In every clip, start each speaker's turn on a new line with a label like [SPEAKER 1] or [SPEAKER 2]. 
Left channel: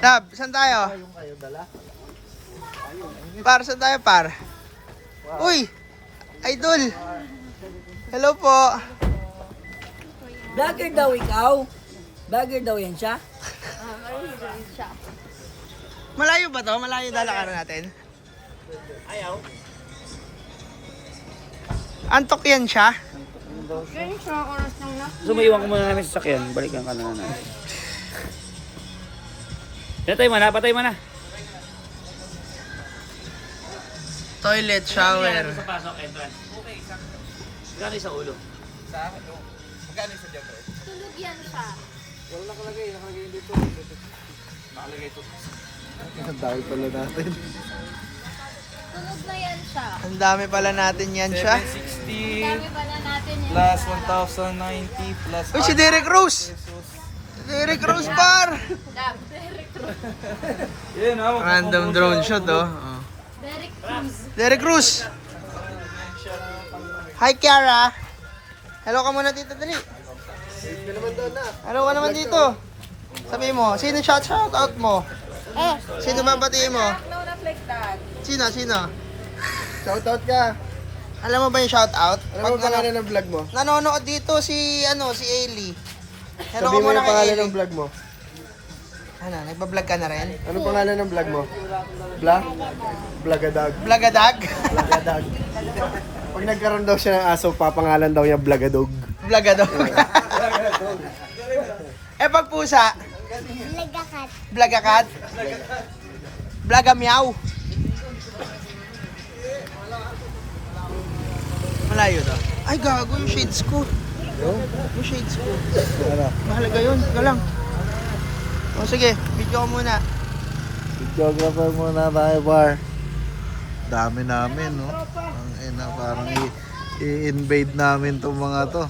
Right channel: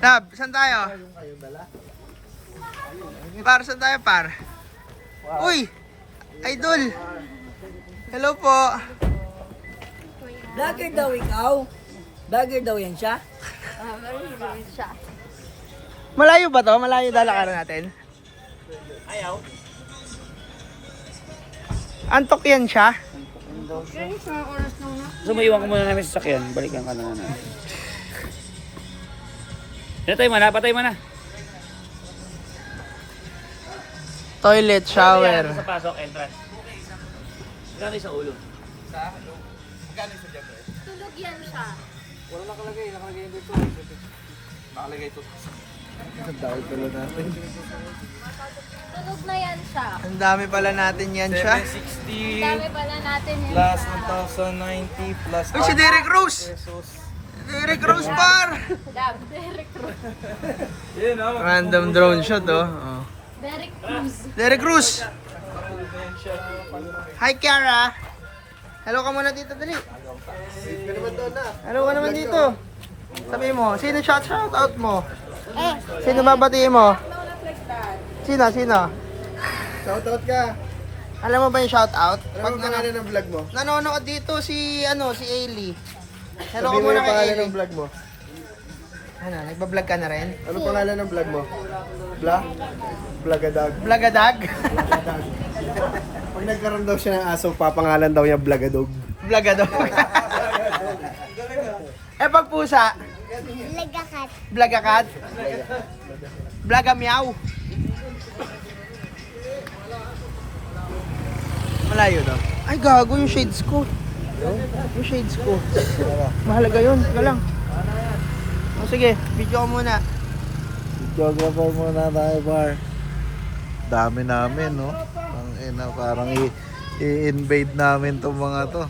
[SPEAKER 1] Lab, saan tayo? Par, saan tayo par? Uy! Idol! Hello po!
[SPEAKER 2] Vlogger daw ikaw? Vlogger daw yan siya?
[SPEAKER 1] Malayo ba to? Malayo dalakaran natin?
[SPEAKER 3] Ayaw.
[SPEAKER 1] Antok yan siya?
[SPEAKER 3] So, maiwan ko muna namin sa sakyan. Balikan ka na na natin. Patay mo na, patay mo na.
[SPEAKER 1] Toilet, shower.
[SPEAKER 3] Pasok, entrance. Gani sa ulo.
[SPEAKER 4] Tulog yan siya. Tulog na yan siya.
[SPEAKER 1] Ang dami pala natin yan siya.
[SPEAKER 5] 760
[SPEAKER 4] Dami pala natin yan.
[SPEAKER 5] plus 1,090 plus
[SPEAKER 1] Uy, si Derek Rose! Derek Rose par!
[SPEAKER 4] Dab, Derek.
[SPEAKER 1] Random drone shot oh. oh.
[SPEAKER 4] Derek Cruz.
[SPEAKER 1] Derek Cruz! Hi, Kiara! Hello ka muna dito, dali. Hello ka naman dito. Sabi mo, sino shout shout out mo? Sino babatiin mo? Sino, sino?
[SPEAKER 6] Shoutout ka.
[SPEAKER 1] Alam mo ba yung shout out?
[SPEAKER 6] Ano
[SPEAKER 1] Pag
[SPEAKER 6] pangalan ng vlog mo?
[SPEAKER 1] nanonood dito si, ano, si Ailey. Hello ka
[SPEAKER 6] Sabihin mo
[SPEAKER 1] muna
[SPEAKER 6] yung
[SPEAKER 1] kay
[SPEAKER 6] pangalan
[SPEAKER 1] Ailey.
[SPEAKER 6] ng vlog mo.
[SPEAKER 1] Ano, nagbablog ka na rin?
[SPEAKER 6] Ano pangalan ng vlog mo? Vlog? Vlogadag.
[SPEAKER 1] Vlogadag?
[SPEAKER 6] Vlogadag. Pag nagkaroon daw siya ng aso, papangalan daw niya Vlogadog.
[SPEAKER 1] Vlogadog. eh pag pusa?
[SPEAKER 4] Lagakat.
[SPEAKER 1] Blagakat? Blaga meow. Malayo to. Ay gago yung shades ko. Yung shades ko. Mahalaga yun. Ika lang. O sige, video ko muna.
[SPEAKER 7] Videographer muna tayo, bar. Dami namin, no? Ang ina, parang i-invade namin tong mga to.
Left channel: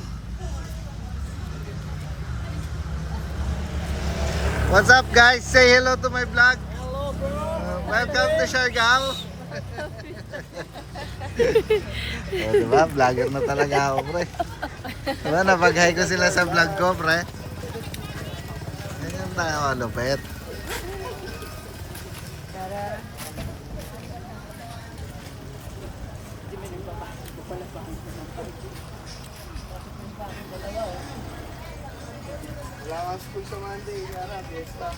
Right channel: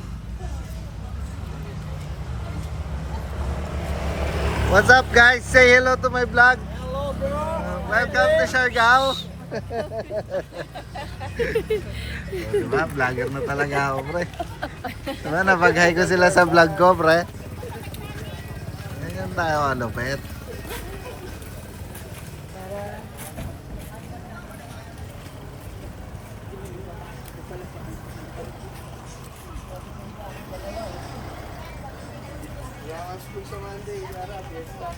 [SPEAKER 7] What's up, guys? Say hello to my vlog. Hello, bro. welcome to Siargao. oh, diba? Vlogger na talaga ako, pre. Diba? Napag-hi ko sila sa vlog ko, pre. Ganyan tayo, kalupit.
[SPEAKER 6] Fiesta.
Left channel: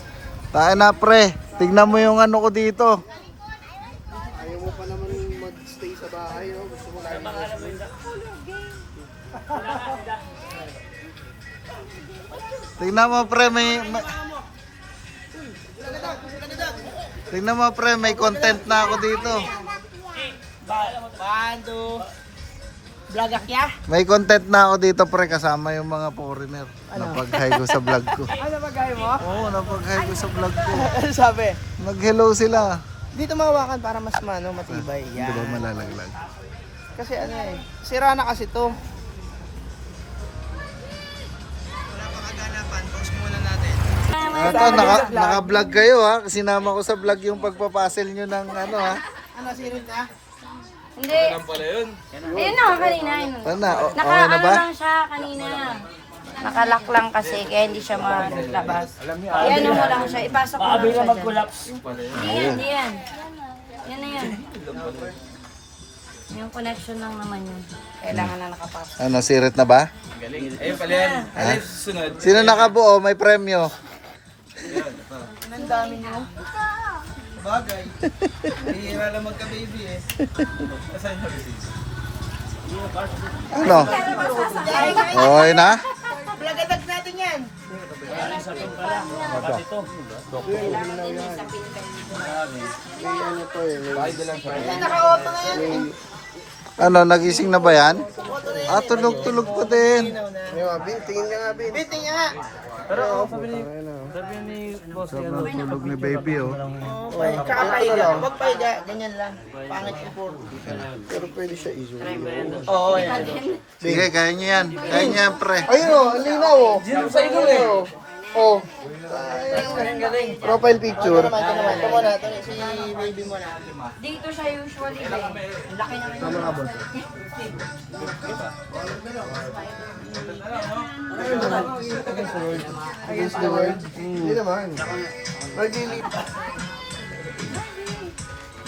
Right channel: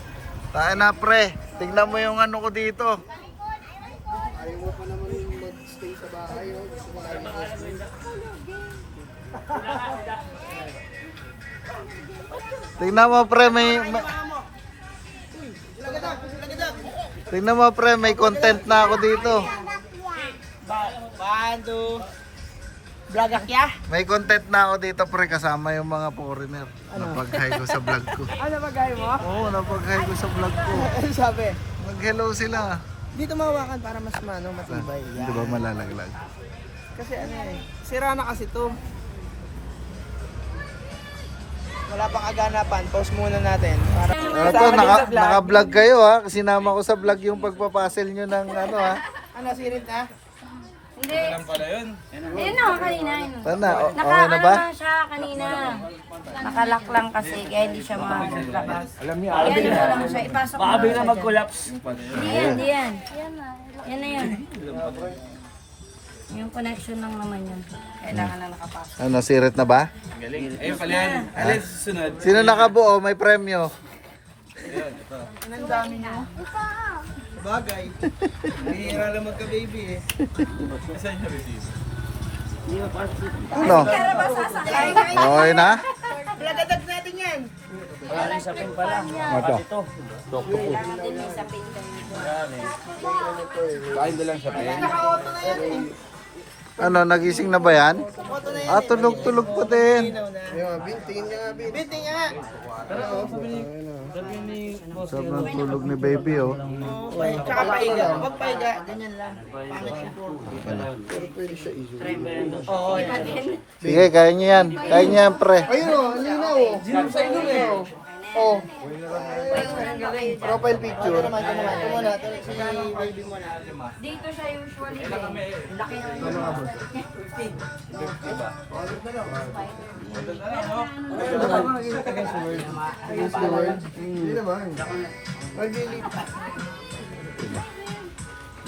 [SPEAKER 7] Tayo na, pre. Tignan mo yung ano ko dito.
[SPEAKER 6] Ayaw mo pa naman mag-stay sa bahay, oh. Gusto mo school.
[SPEAKER 7] Tignan mo, pre, may... may... Tignan mo, pre, may content na ako dito.
[SPEAKER 1] Bando. Blagakya?
[SPEAKER 7] May content na ako dito, pre, kasama yung mga foreigner. Napag-hi ko sa vlog ko.
[SPEAKER 1] Ano gaya mo?
[SPEAKER 7] Oo, napag-hi ko sa vlog ko.
[SPEAKER 1] Ano sabi?
[SPEAKER 7] Nag-hello sila.
[SPEAKER 1] Dito mawakan para mas mano, matibay. Yan.
[SPEAKER 7] Di ba malalaglag?
[SPEAKER 1] Kasi ano eh, sira na kasi to. Wala pang aganapan, pause muna natin.
[SPEAKER 7] Ito, naka, naka-vlog kayo ha. Sinama ko sa vlog yung pagpapasil nyo ng ano ha.
[SPEAKER 1] Ano, sinod na?
[SPEAKER 4] Hindi.
[SPEAKER 5] Alam pala yun.
[SPEAKER 4] Ayun na, kanina yun.
[SPEAKER 7] Paano na? O- okay na ba?
[SPEAKER 4] Naka, ano lang siya kanina. Nakalak lang kasi, kaya hindi siya maglabas. Yan mo lang siya, ipasok mo siya dyan.
[SPEAKER 3] mag-collapse.
[SPEAKER 4] Hindi yan, hindi yan. Yan na yan. Yung connection lang naman yun. Kailangan na nakapasok.
[SPEAKER 7] Ano, sirit na ba?
[SPEAKER 5] Galing. Ayun pala yan. Alin susunod?
[SPEAKER 7] Sino nakabuo? May premyo.
[SPEAKER 1] Ang dami nyo. Bagay.
[SPEAKER 5] Hihira lang magka-baby eh. Asan yung receipt?
[SPEAKER 7] Ano? Okay na?
[SPEAKER 1] Blagadag natin yan.
[SPEAKER 3] Maraming sapin pala. Pati ito.
[SPEAKER 4] Kailangan din may sapin.
[SPEAKER 1] Naka-auto na yan. eh.
[SPEAKER 7] Ano, nagising na ba yan? Ah, tulog-tulog pa din.
[SPEAKER 1] Ilaw na.
[SPEAKER 6] Ayun, Bin, tingin ka nga, Bin.
[SPEAKER 1] Biting nga.
[SPEAKER 5] Sabi ni boss
[SPEAKER 7] Sobrang tulog ni baby, oh.
[SPEAKER 1] Oh, pa, tsaka paiga. Huwag paiga. Ganyan lang. Pangit yung.
[SPEAKER 6] Pero pwede siya iso.
[SPEAKER 1] Oo, yan.
[SPEAKER 7] Sige, kaya niyo yan. Kaya niyo yan, pre.
[SPEAKER 6] Ayun, oh, linaw, oh.
[SPEAKER 1] Sa inyo eh.
[SPEAKER 6] Oh, profile picture.
[SPEAKER 1] Na.
[SPEAKER 4] Dito siya usually. Laki naman.
[SPEAKER 6] Against the world. Hindi naman.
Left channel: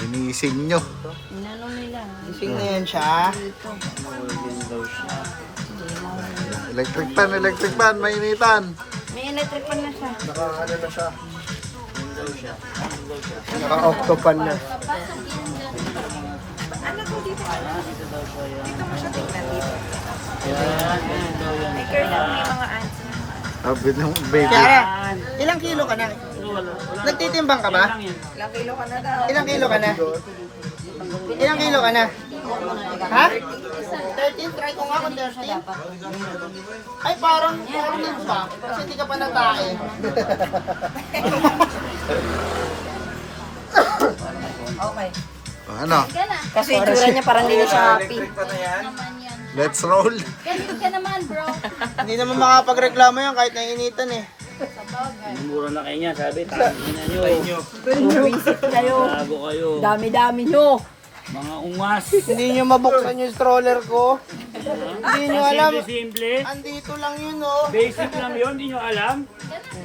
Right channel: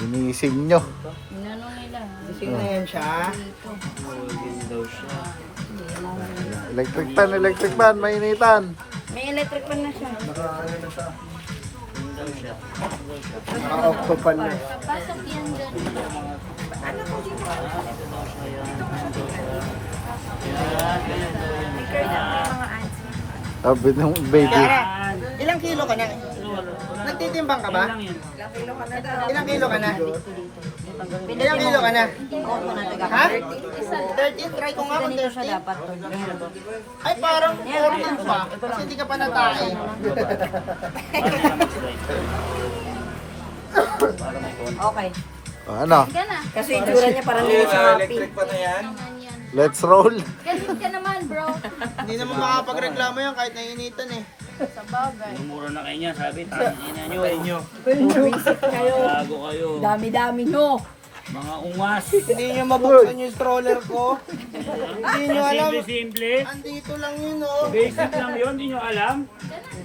[SPEAKER 7] Inising nyo.
[SPEAKER 4] Inano nila.
[SPEAKER 1] Sino yan siya?
[SPEAKER 7] Electric pan, electric pan, mainitan.
[SPEAKER 4] May electric pan na siya.
[SPEAKER 6] Naka ano na siya. Naka octopan na.
[SPEAKER 7] Sabi ng baby.
[SPEAKER 1] Ilang kilo ka na? Nagtitimbang ka ba? Ilang kilo ka na? Ilang kilo ka na? Ilang kilo ka na? Ha? 13? Try ko nga kung 13. Ay, parang 14 pa. Kasi hindi ka pa natae.
[SPEAKER 4] Okay.
[SPEAKER 7] O, ano?
[SPEAKER 4] Kasi itsura niya parang nila sa happy.
[SPEAKER 7] Let's roll.
[SPEAKER 4] Ganun ka naman, bro.
[SPEAKER 1] Hindi naman makapagreklamo yan kahit nainitan eh.
[SPEAKER 3] Mura na kayo niya, sabi, tangin na nyo.
[SPEAKER 2] Visit kayo.
[SPEAKER 3] Bago kayo.
[SPEAKER 2] Dami-dami nyo.
[SPEAKER 3] Mga ungas.
[SPEAKER 1] Hindi nyo mabuksan yung stroller ko. Hindi nyo alam.
[SPEAKER 3] simple-simple.
[SPEAKER 1] Andito lang yun oh.
[SPEAKER 3] Basic lang yun, hindi nyo alam.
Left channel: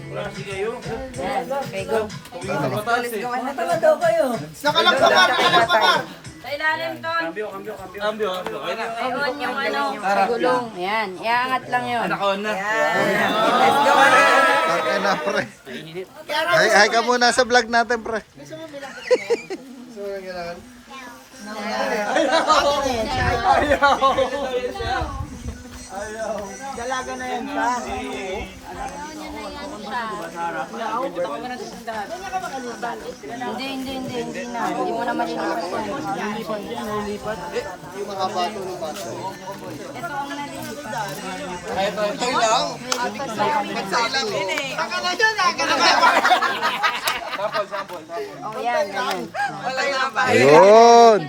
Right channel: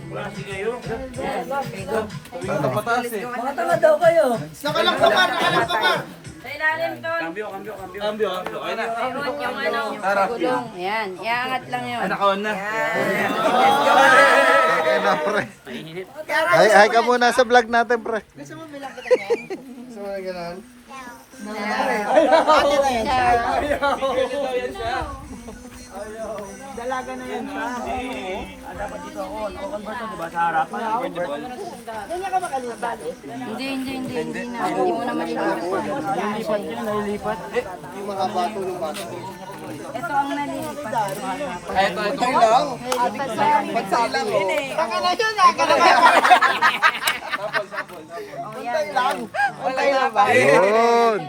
[SPEAKER 3] Klase kayo.
[SPEAKER 2] Mga tanga daw kayo.
[SPEAKER 1] Nakalang pa par, nakalang pa par.
[SPEAKER 3] Kambyo, kambyo, kambyo. Kambyo, kambyo. Ayun na.
[SPEAKER 4] Gulong. Yan. Iangat lang yun.
[SPEAKER 7] Okay na, pre. Ay, ay ka muna sa vlog natin, pre.
[SPEAKER 6] Sa mga ganun.
[SPEAKER 1] Dalaga na yan siya.
[SPEAKER 4] Hindi, hindi, hindi, hindi na. Hindi mo na malilipat yan. Ano siya yun? Ito ang nalilipat.
[SPEAKER 1] Baka na dyan, nakakalaga.
[SPEAKER 4] Oh, yan, yan.
[SPEAKER 7] Ayun.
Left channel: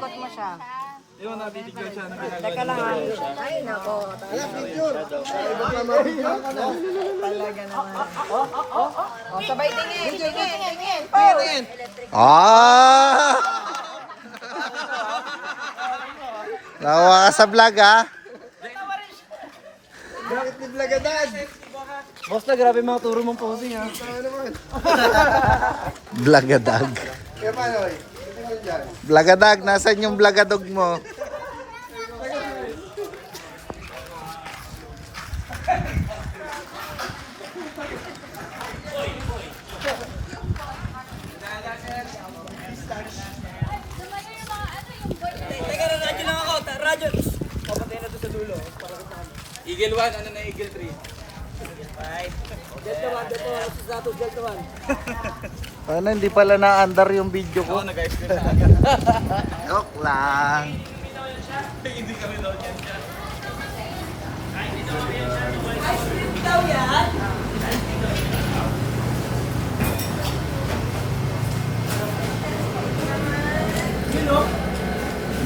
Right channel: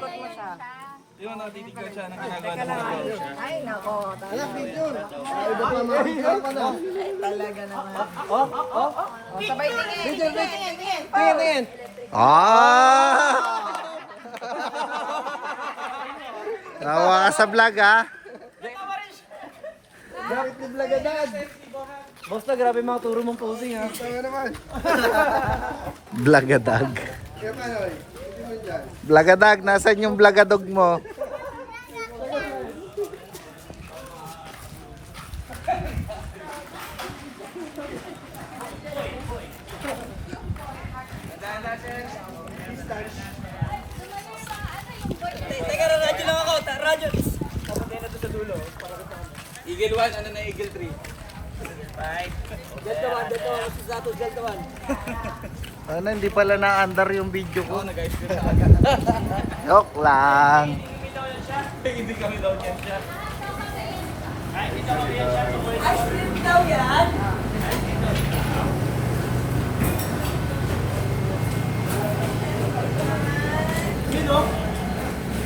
[SPEAKER 4] Oh, sabay tingin. Tingin, tingin.
[SPEAKER 7] Ah! Tawa ka sa vlog, ah.
[SPEAKER 6] Blagadan?
[SPEAKER 5] Boss na, grabe mga turo mong posing ha.
[SPEAKER 6] Tayo naman.
[SPEAKER 7] Blagadag.
[SPEAKER 6] Dyan?
[SPEAKER 7] Blagadag, nasan yung blagadog mo?
[SPEAKER 2] Teka, radyo lang ako. Ta- Radyo. Kapatay na to sa dulo.
[SPEAKER 5] Eagle 1, ano na Eagle 3?
[SPEAKER 2] Delta 1, Delta 1. Si Sato, Delta 1.
[SPEAKER 7] Ano, hindi pala na-under yung video ko.
[SPEAKER 5] Oo, nag-ice cream.
[SPEAKER 7] Joke lang.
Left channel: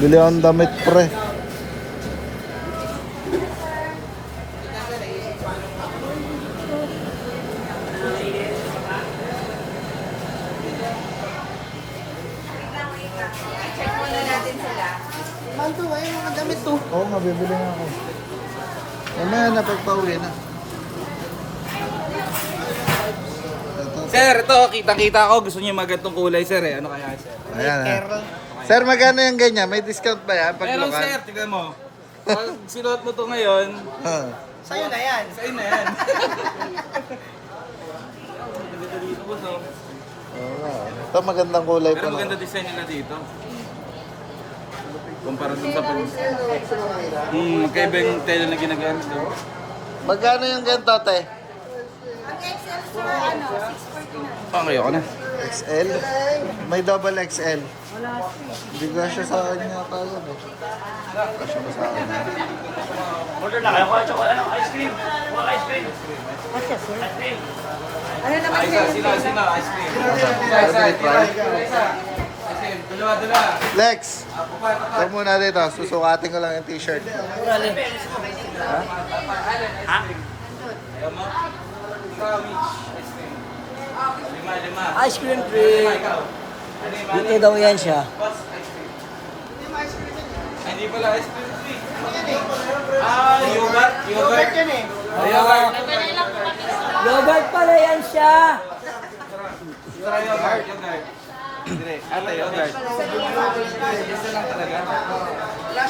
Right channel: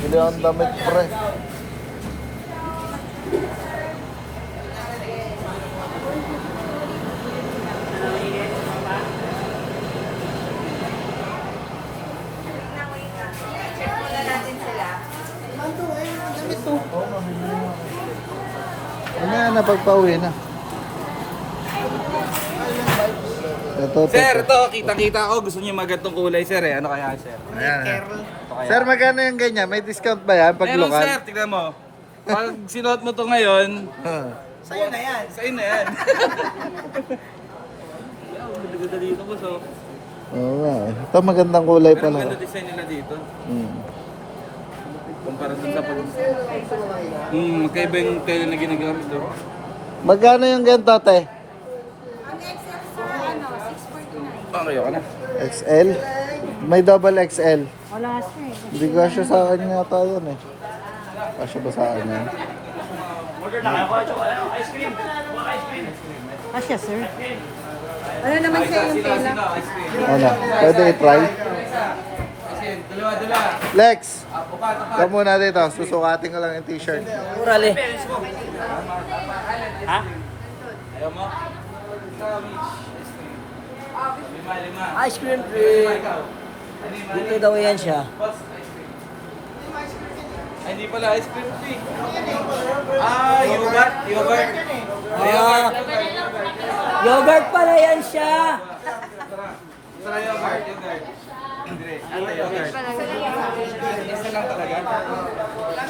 [SPEAKER 7] Bili ang damit pre.
[SPEAKER 1] Manto ba yung mga damit to?
[SPEAKER 7] Oo, mabibili na. Mamaya na pagpauwi na. Ito, ito.
[SPEAKER 5] Sir, ito, kitang-kita ko. Gusto niyo magandang kulay, sir eh. Ano kaya, sir?
[SPEAKER 7] Ayan. Sir, magkano yung ganyan? May discount ba yan pag
[SPEAKER 5] Meron,
[SPEAKER 7] lokal?
[SPEAKER 5] sir. Tignan mo. Pag sinuot mo to ngayon,
[SPEAKER 7] Ah.
[SPEAKER 1] Sa'yo na yan.
[SPEAKER 5] sa'yo na yan. Maganda dito, boss, oh.
[SPEAKER 7] Oo. Ito magandang kulay
[SPEAKER 5] Pero
[SPEAKER 7] pa
[SPEAKER 5] maganda
[SPEAKER 7] na.
[SPEAKER 5] design nila dito.
[SPEAKER 7] Hmm.
[SPEAKER 5] Kumpara dun sa pag... Hmm, magkaiba yung tela na ginagamit doon.
[SPEAKER 7] Magkano yung ganito, te?
[SPEAKER 5] Pang kayo ka na.
[SPEAKER 7] XL? May double XL. Hindi ka siya sa akin yata yun eh. Kasya ba sa akin yan?
[SPEAKER 5] Sino, sino, ice cream.
[SPEAKER 7] Ano? Pwede i-try? Lex! Ikaw muna dito. Susukatin ko lang yung t-shirt.
[SPEAKER 2] Kurali.
[SPEAKER 5] Ayaw mo? Ice
[SPEAKER 2] cream treat. Dito daw yan siya.
[SPEAKER 5] Hindi pala ice cream tree. Ah, yogurt, yogurt.
[SPEAKER 2] Ah, yogurt pala yan siya.
[SPEAKER 5] Tara yogurt, yogurt. Dire, ate yogurt. Isa lang talaga.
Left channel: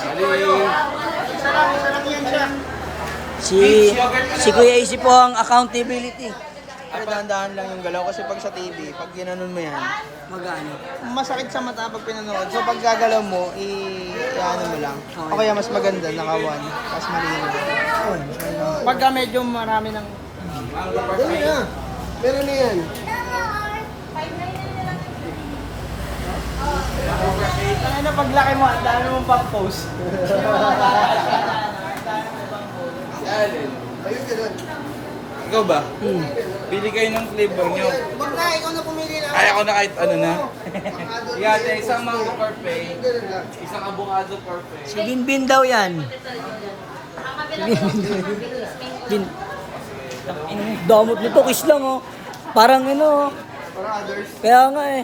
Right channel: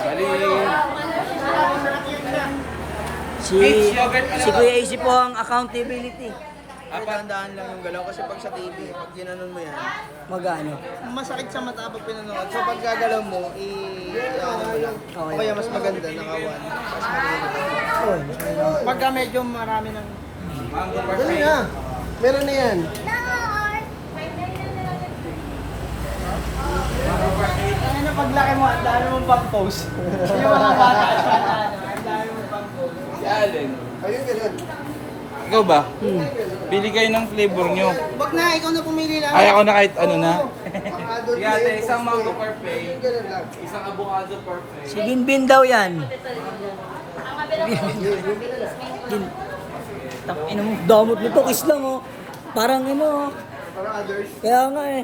[SPEAKER 5] Bali,
[SPEAKER 2] Si, si Kuya Isi po ang accountability.
[SPEAKER 1] Dahan-dahan lang yung galaw kasi pag sa TV, pag ginanon mo yan,
[SPEAKER 2] Magano?
[SPEAKER 1] masakit sa mata pag pinanood. So pag gagalaw mo, i ano mo lang. O kaya mas maganda, nakawan. Mas maganda. Pagka medyo marami ng...
[SPEAKER 5] mango
[SPEAKER 6] na. Meron na yan.
[SPEAKER 1] Ang ano, paglaki mo, ang dami mong pang post.
[SPEAKER 5] Si Allen.
[SPEAKER 6] Ayun, ganun.
[SPEAKER 5] Ikaw ba? Pili kayo ng flavor nyo.
[SPEAKER 1] Wag na, ikaw na pumili lang.
[SPEAKER 5] Ay, ako na kahit ano na. Sige ate, isang mango parfait. Isang avocado parfait.
[SPEAKER 2] Si Binbin daw yan. Bin. Ang damot nito, kiss lang oh. Parang ano oh. Kaya nga eh.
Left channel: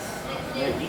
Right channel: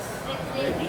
[SPEAKER 1] Hi!